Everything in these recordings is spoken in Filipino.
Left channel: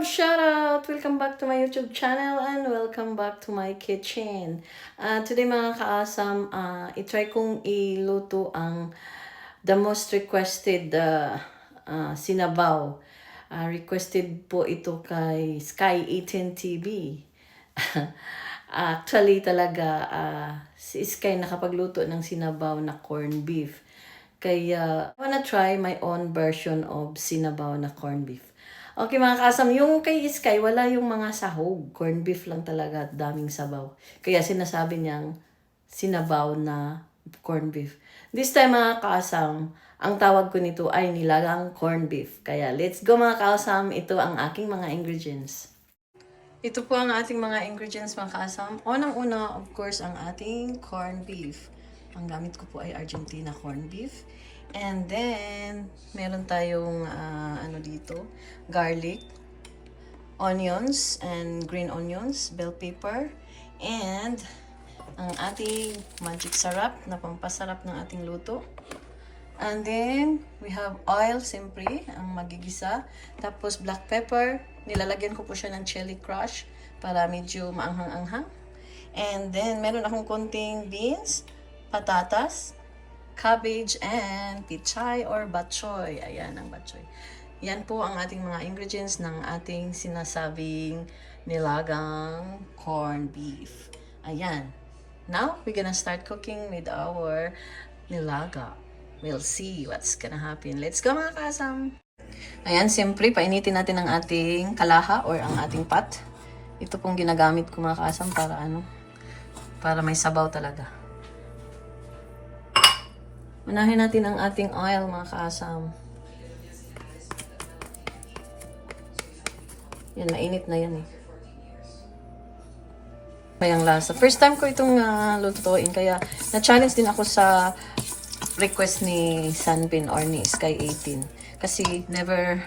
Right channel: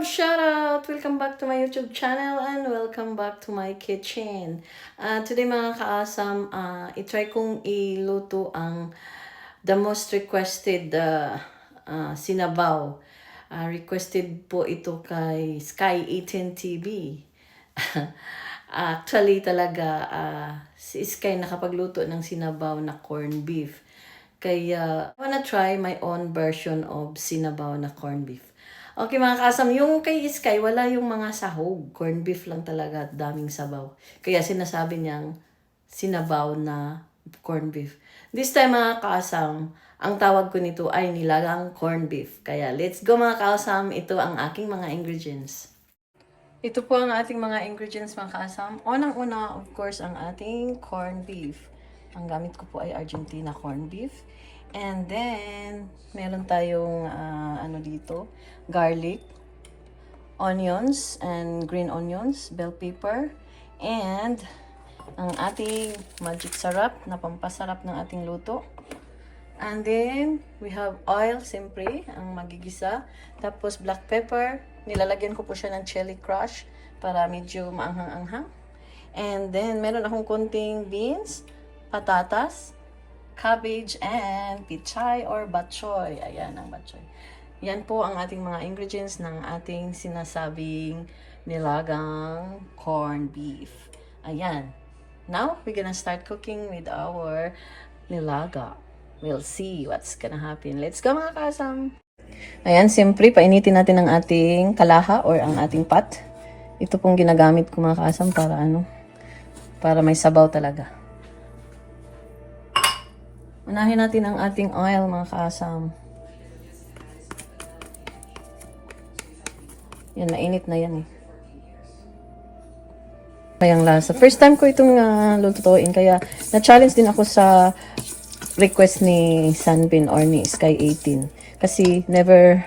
love? Shout out! Welcome back to my YouTube channel and welcome back to my kitchen. Today mga kaasam, itry kong iluto ang the most requested sinabaw. Requested po ito kay Sky 18 TV. Actually talaga si Sky nakapagluto ng sinabaw na corned beef. Kaya I wanna try my own version of sinabaw na corned beef. Okay mga kasam, yung kay Sky wala yung mga sahog. Corned beef lang talaga at daming sabaw. Kaya sinasabi niyang sinabaw na corned beef. This time mga kasam, ang tawag ko nito ay nilagang corned beef. Kaya let's go mga kasam, ito ang aking mga ingredients. Ito po ang ating mga ingredients mga kasam. Unang-una, of course, ang ating corned beef. Ang gamit ko po ay Argentina corned beef. And then, meron tayong dito, garlic, onions, and green onions, bell pepper, and ang ating magic sarap na pampasarap ng ating luto. And then, we have oil, siyempre, ang magigisa. Tapos, black pepper. Nilalagyan ko po siya ng chili crush para medyo maanghang-anghang. And then, meron akong konting beans, patatas, cabbage, and pichay or batchoy. Ayan ang batchoy. Yan po ang ating mga ingredients ng ating sinasabing nilagang corned beef. Ayan. Now, we're gonna start cooking with our nilaga. We'll see what's gonna happen. Let's go mga kasam! Ayan, siyempre, painitin natin ang ating kalaha or ang ating pot. Ito pong ginagamit ko mga kasam para may sabaw talaga. Unahin natin ang ating oil mga kasam. Yan, nainit na yan eh. Mayang lasa. First time ko itong lutuin, kaya na-challenge din ako sa request ni Sunbeam or ni Sky 18. Kasi never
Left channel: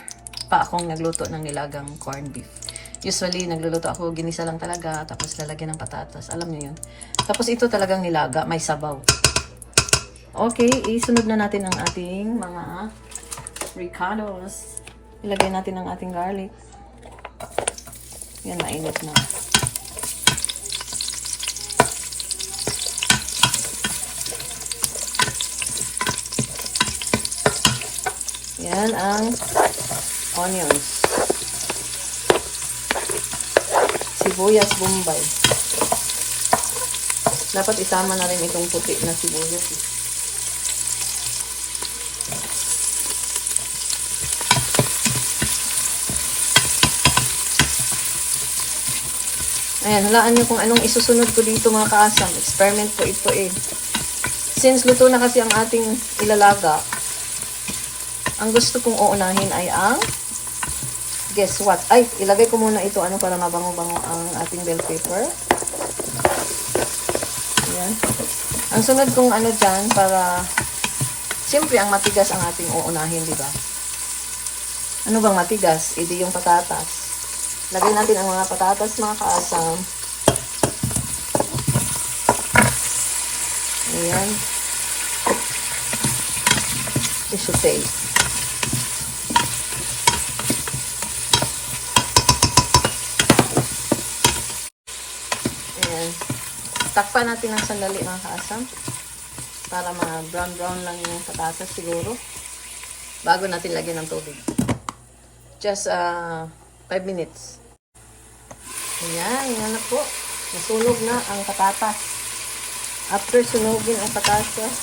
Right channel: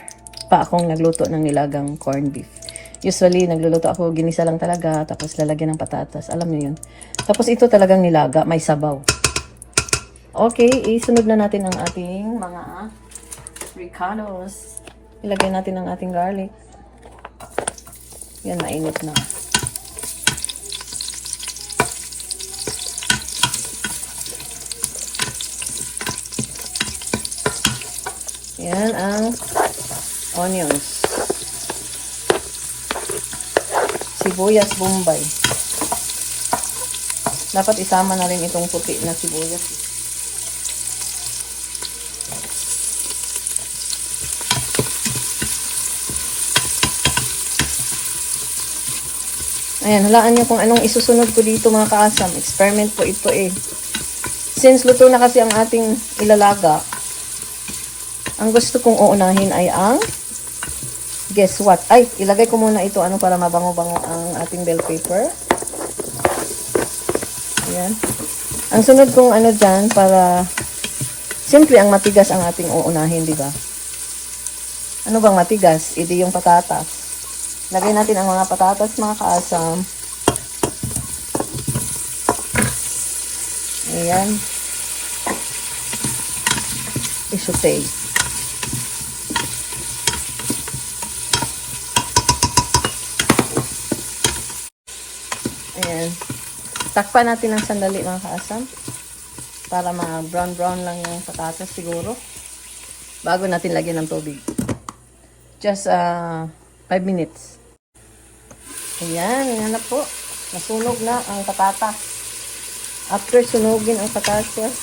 pa akong nagluto ng nilagang corned beef. Usually, nagluluto ako, ginisa lang talaga, tapos lalagyan ng patatas. Alam niyo yun. Tapos ito talagang nilaga, may sabaw. Okay, isunod na natin ang ating mga ricados. Ilagay natin ang ating garlic. Yan, mainit na. Yan ang onions. Sibuyas bombay. Dapat isama na rin itong tupi na sibuyas. Ayan, halaan nyo kung anong isusunod ko dito mga kaasam. Experiment po ito eh. Since luto na kasi ang ating ilalaga, ang gusto kong uunahin ay ang, guess what? Ay, ilagay ko muna ito para mabango-bango ang ating bell pepper. Ayan. Ang sunod kong dyan para, simple ang matigas ang ating uunahin, di ba? Ano bang matigas? Hindi yung patatas. Lagay natin ang mga patatas, mga kaasam. Ayan. I-saute. Ayan. Takpan natin ng sandali, mga kaasam. Para mga brown-brown lang yung patatas siguro. Bago natin lagyan ng tubig. Just 5 minutes. Ayan, ayan na po. Nasunog na ang patatas. After sunugin ang patatas,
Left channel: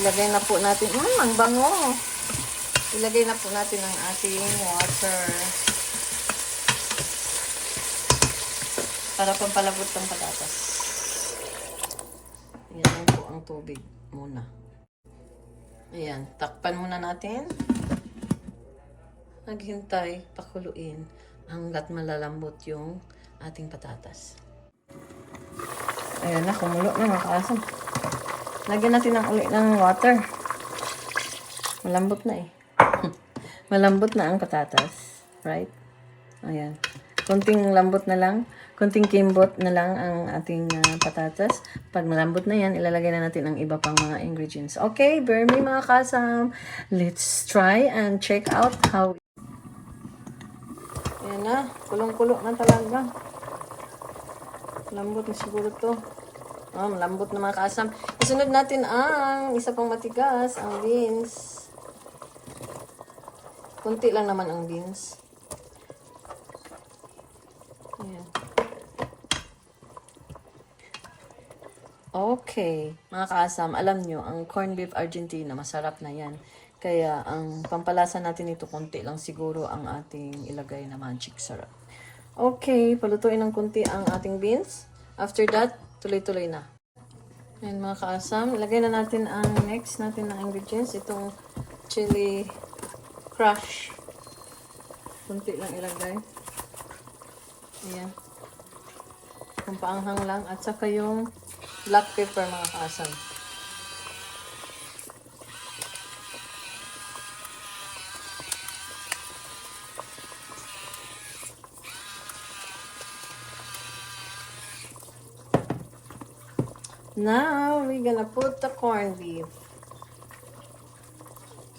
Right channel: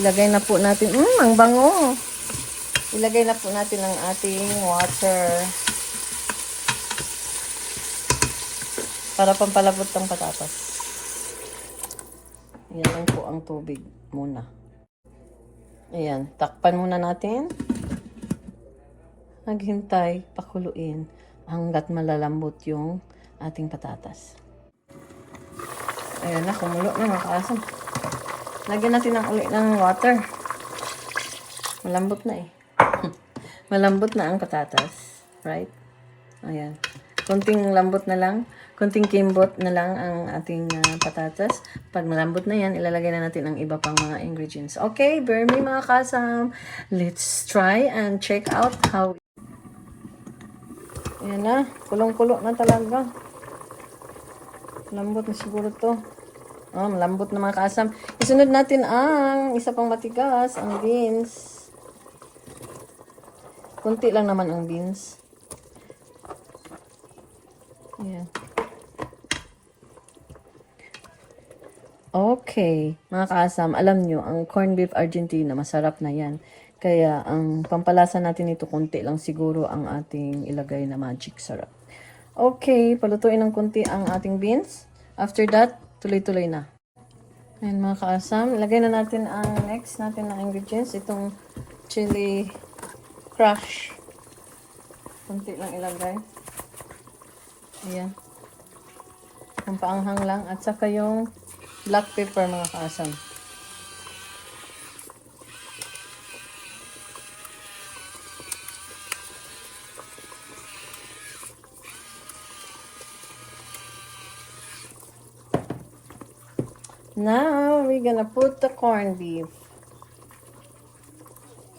ilagay na po natin, ang bango. Ilagay na po natin ang ating water. Para pampalabot ng patatas. Ayan po ang tubig muna. Ayan, takpan muna natin. Naghintay, pakuluin hanggat malalambot yung ating patatas. Ayan na, kumulo na mga kaasam. Lagyan natin ng water. Malambot na eh. Malambot na ang patatas. Right? Ayan. Konting lambot na lang. Konting kimbot na lang ang ating patatas. Pag malambot na yan, ilalagay na natin ang iba pang mga ingredients. Okay, bear me mga kasam. Let's try and check out how Ayan na. Kulong-kulo na talaga. Lambot na siguro to. Malambot na mga kaasam. Isunod natin ang isa pang matigas, ang beans. Kunti lang naman ang beans. Ayan. Okay, mga kaasam, alam nyo, ang corned beef Argentina, masarap na yan. Kaya, ang pampalasa natin ito, konti lang siguro ang ating ilagay na magic sarap. Okay, palutuin ng konti ang ating beans. After that, tuloy-tuloy na. Ayan mga kaasam, ilagay na natin ang next natin na ingredients. Itong chili crush. Konti lang ilagay. Ayan. Ang paanghang lang. At saka yung black pepper mga kaasam. Now, we're gonna put the corned beef.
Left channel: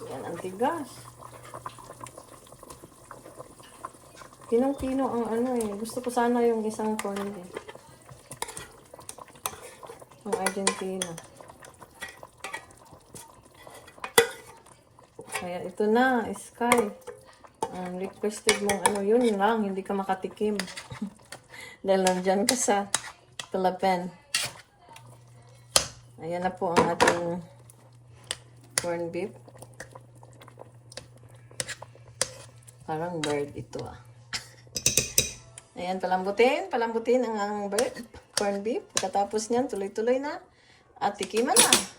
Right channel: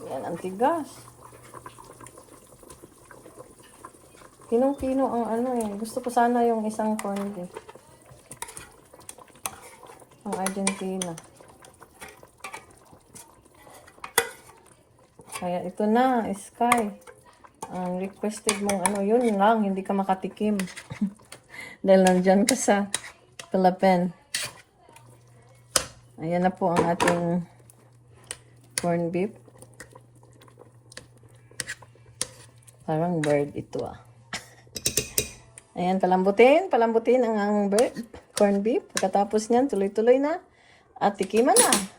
Yan, ang tigas. Pinong-pino ang ano eh. Gusto ko sana yung isang corned beef. Ang Argentina. Kaya ito na, Sky. Ang requested mong ano, yun lang, hindi ka makatikim. Dahil nandyan ka sa Philippines. Ayan na po ang ating corned beef. Parang bird ito ah. Ayan, palambutin ang corned beef. Pagkatapos niyan, tuloy-tuloy na. At tikiman na.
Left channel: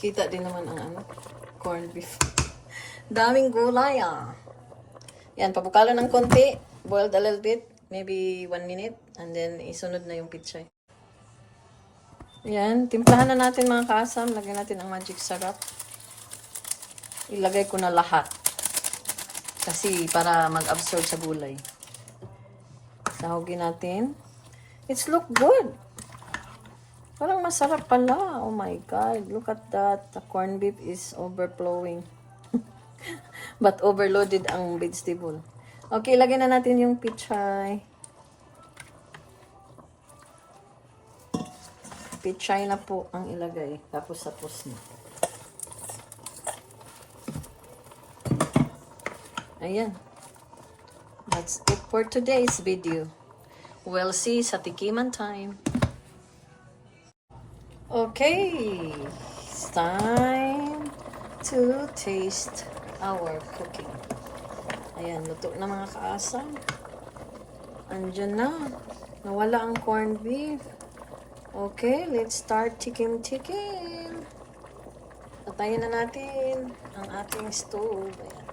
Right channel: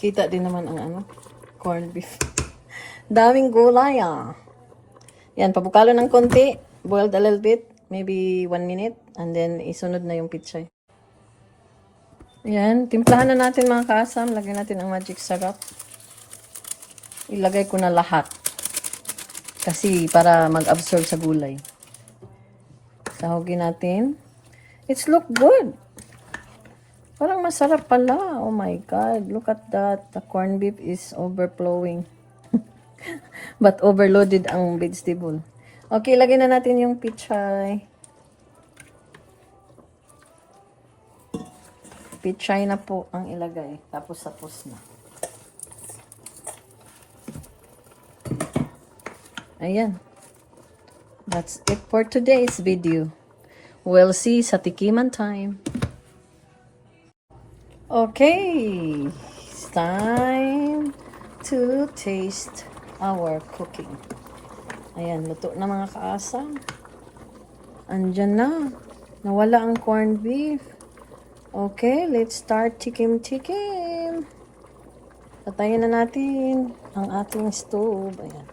Kita din naman ang ano, corned beef. Daming gulay ah. Yan, pabukalo ng konti. Boiled a little bit. Maybe 1 minute. And then, isunod na yung pichay. Yan, timplahan na natin mga kaasam. Lagyan natin ang magic sarap. Ilagay ko na lahat. Kasi para mag-absorb sa gulay. Sahugin natin. It's look good. Parang masarap pala. Oh my God. Look at that. The corned beef is overflowing. But overloaded ang vegetable. Okay, lagyan na natin yung pichay. Pichay na po ang ilagay. Tapos na. Ayan. That's it for today's video. We'll see sa tikiman time. Okay, it's time to taste our cooking. Ayan, luto na mga kaasam. Andyan na. Nawala ang corned beef. Okay, let's start tikim-tikim. Patayin na natin ang ating stove. Ayan.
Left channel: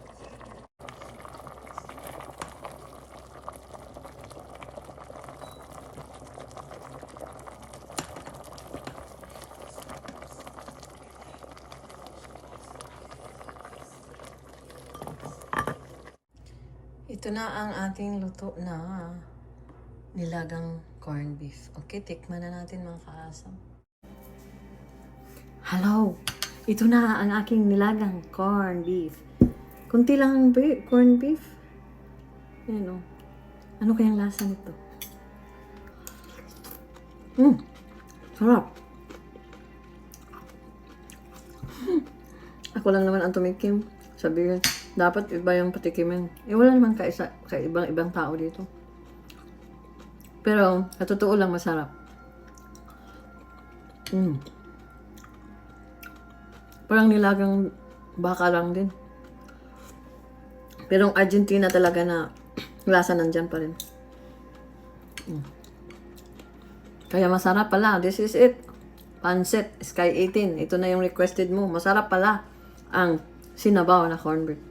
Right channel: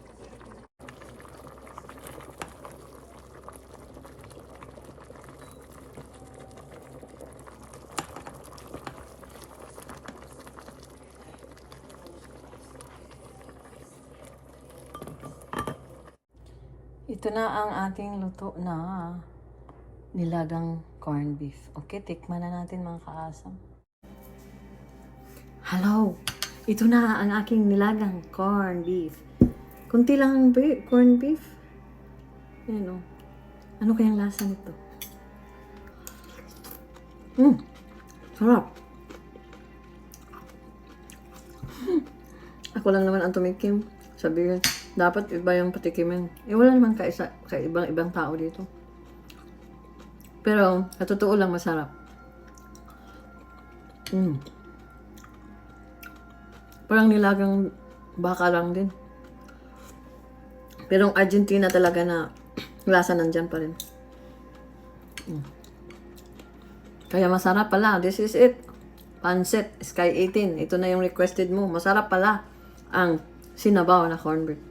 Ito na ang ating luto na nilagang corned beef. Okay, tikman na natin mga kaasam. Hello! Ito na ang aking nilagang corned beef. Kunti lang ang corned beef. Ayan o. Ano kayang lasa nito? Sarap! Ako lang naman ang tumikim. Sabihin, dapat iba yung patikimin. Wala naman kaisa ibang tao dito. Pero, sa totoo lang, masarap. Parang nilagang baka lang din. Pero ang Argentina talaga na lasa nandyan pa rin. Kaya masarap pala. This is it. Pancit, Sky 18. Ito na yung requested mo. Masarap pala ang sinabaw na corned beef.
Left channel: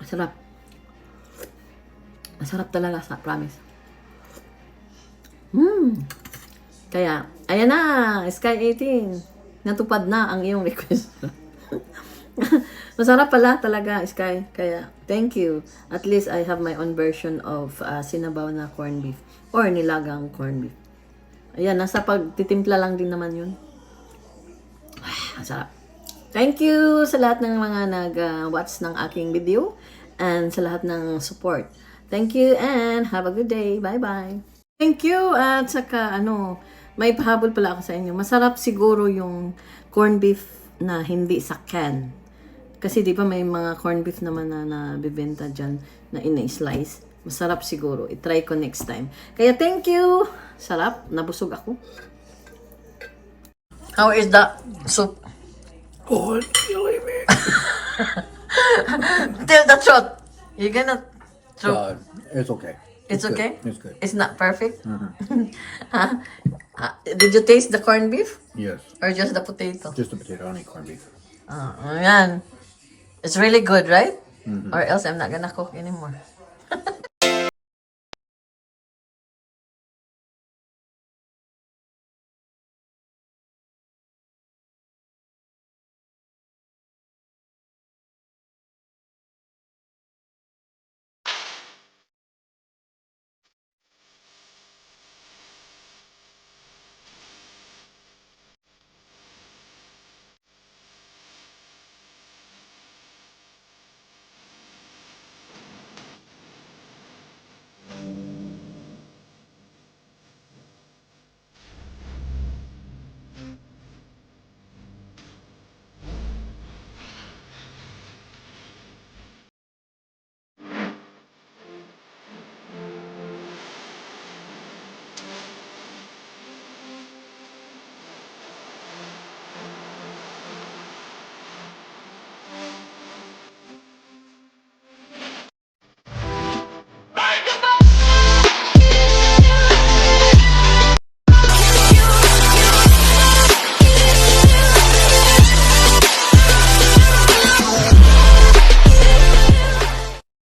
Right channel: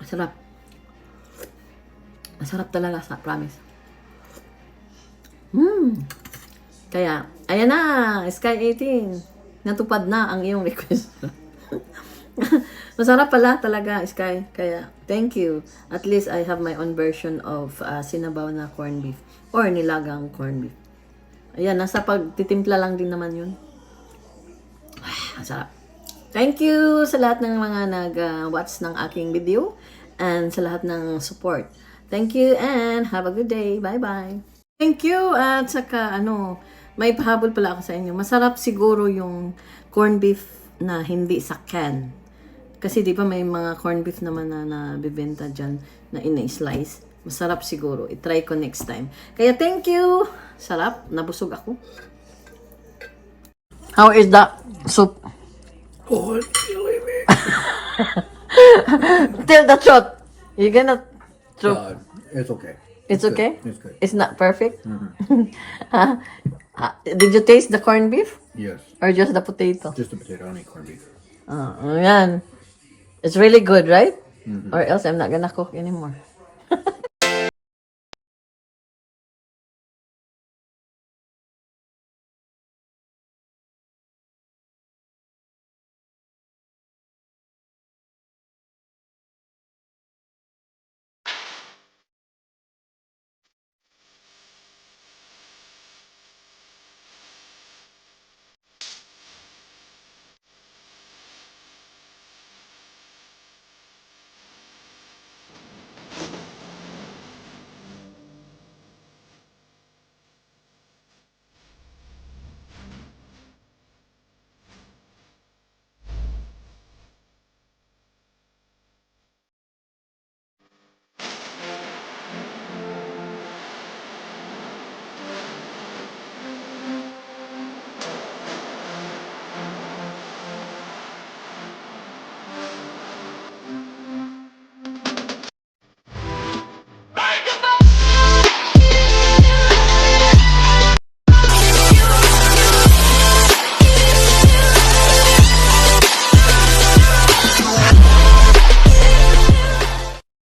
Masarap. Masarap talaga, promise. Kaya, ayan na, Sky 18. Natupad na ang iyong request. Masarap pala talaga, Sky. Kaya, thank you. At least I have my own version of sinabaw na corned beef or nilagang corned beef. Ayan, nasa pagtitimpla lang din naman yun. Masarap. Thank you sa lahat ng mga nag-watch ng aking video and sa lahat ng support. Thank you and have a good day. Bye-bye. Thank you. At saka, may pahabol pala ako sa inyo. Masarap siguro yung corned beef na hindi sa can. Kasi di ba may mga corned beef naman na nabibenta dyan na ina-slice. Masarap siguro. I-try ko next time. Kaya thank you. Sarap. Nabusog ako. How is the soup? Oh, it's killing me. Till the throat. You gonna throat. It's okay. It's okay? It's good. It's not perfect? Huh? Did you taste the corned beef? Yes. Or just the potato? Just a potato, I don't eat corned beef. Yan. It's really good, right? Or else I'm not gonna cook anymore.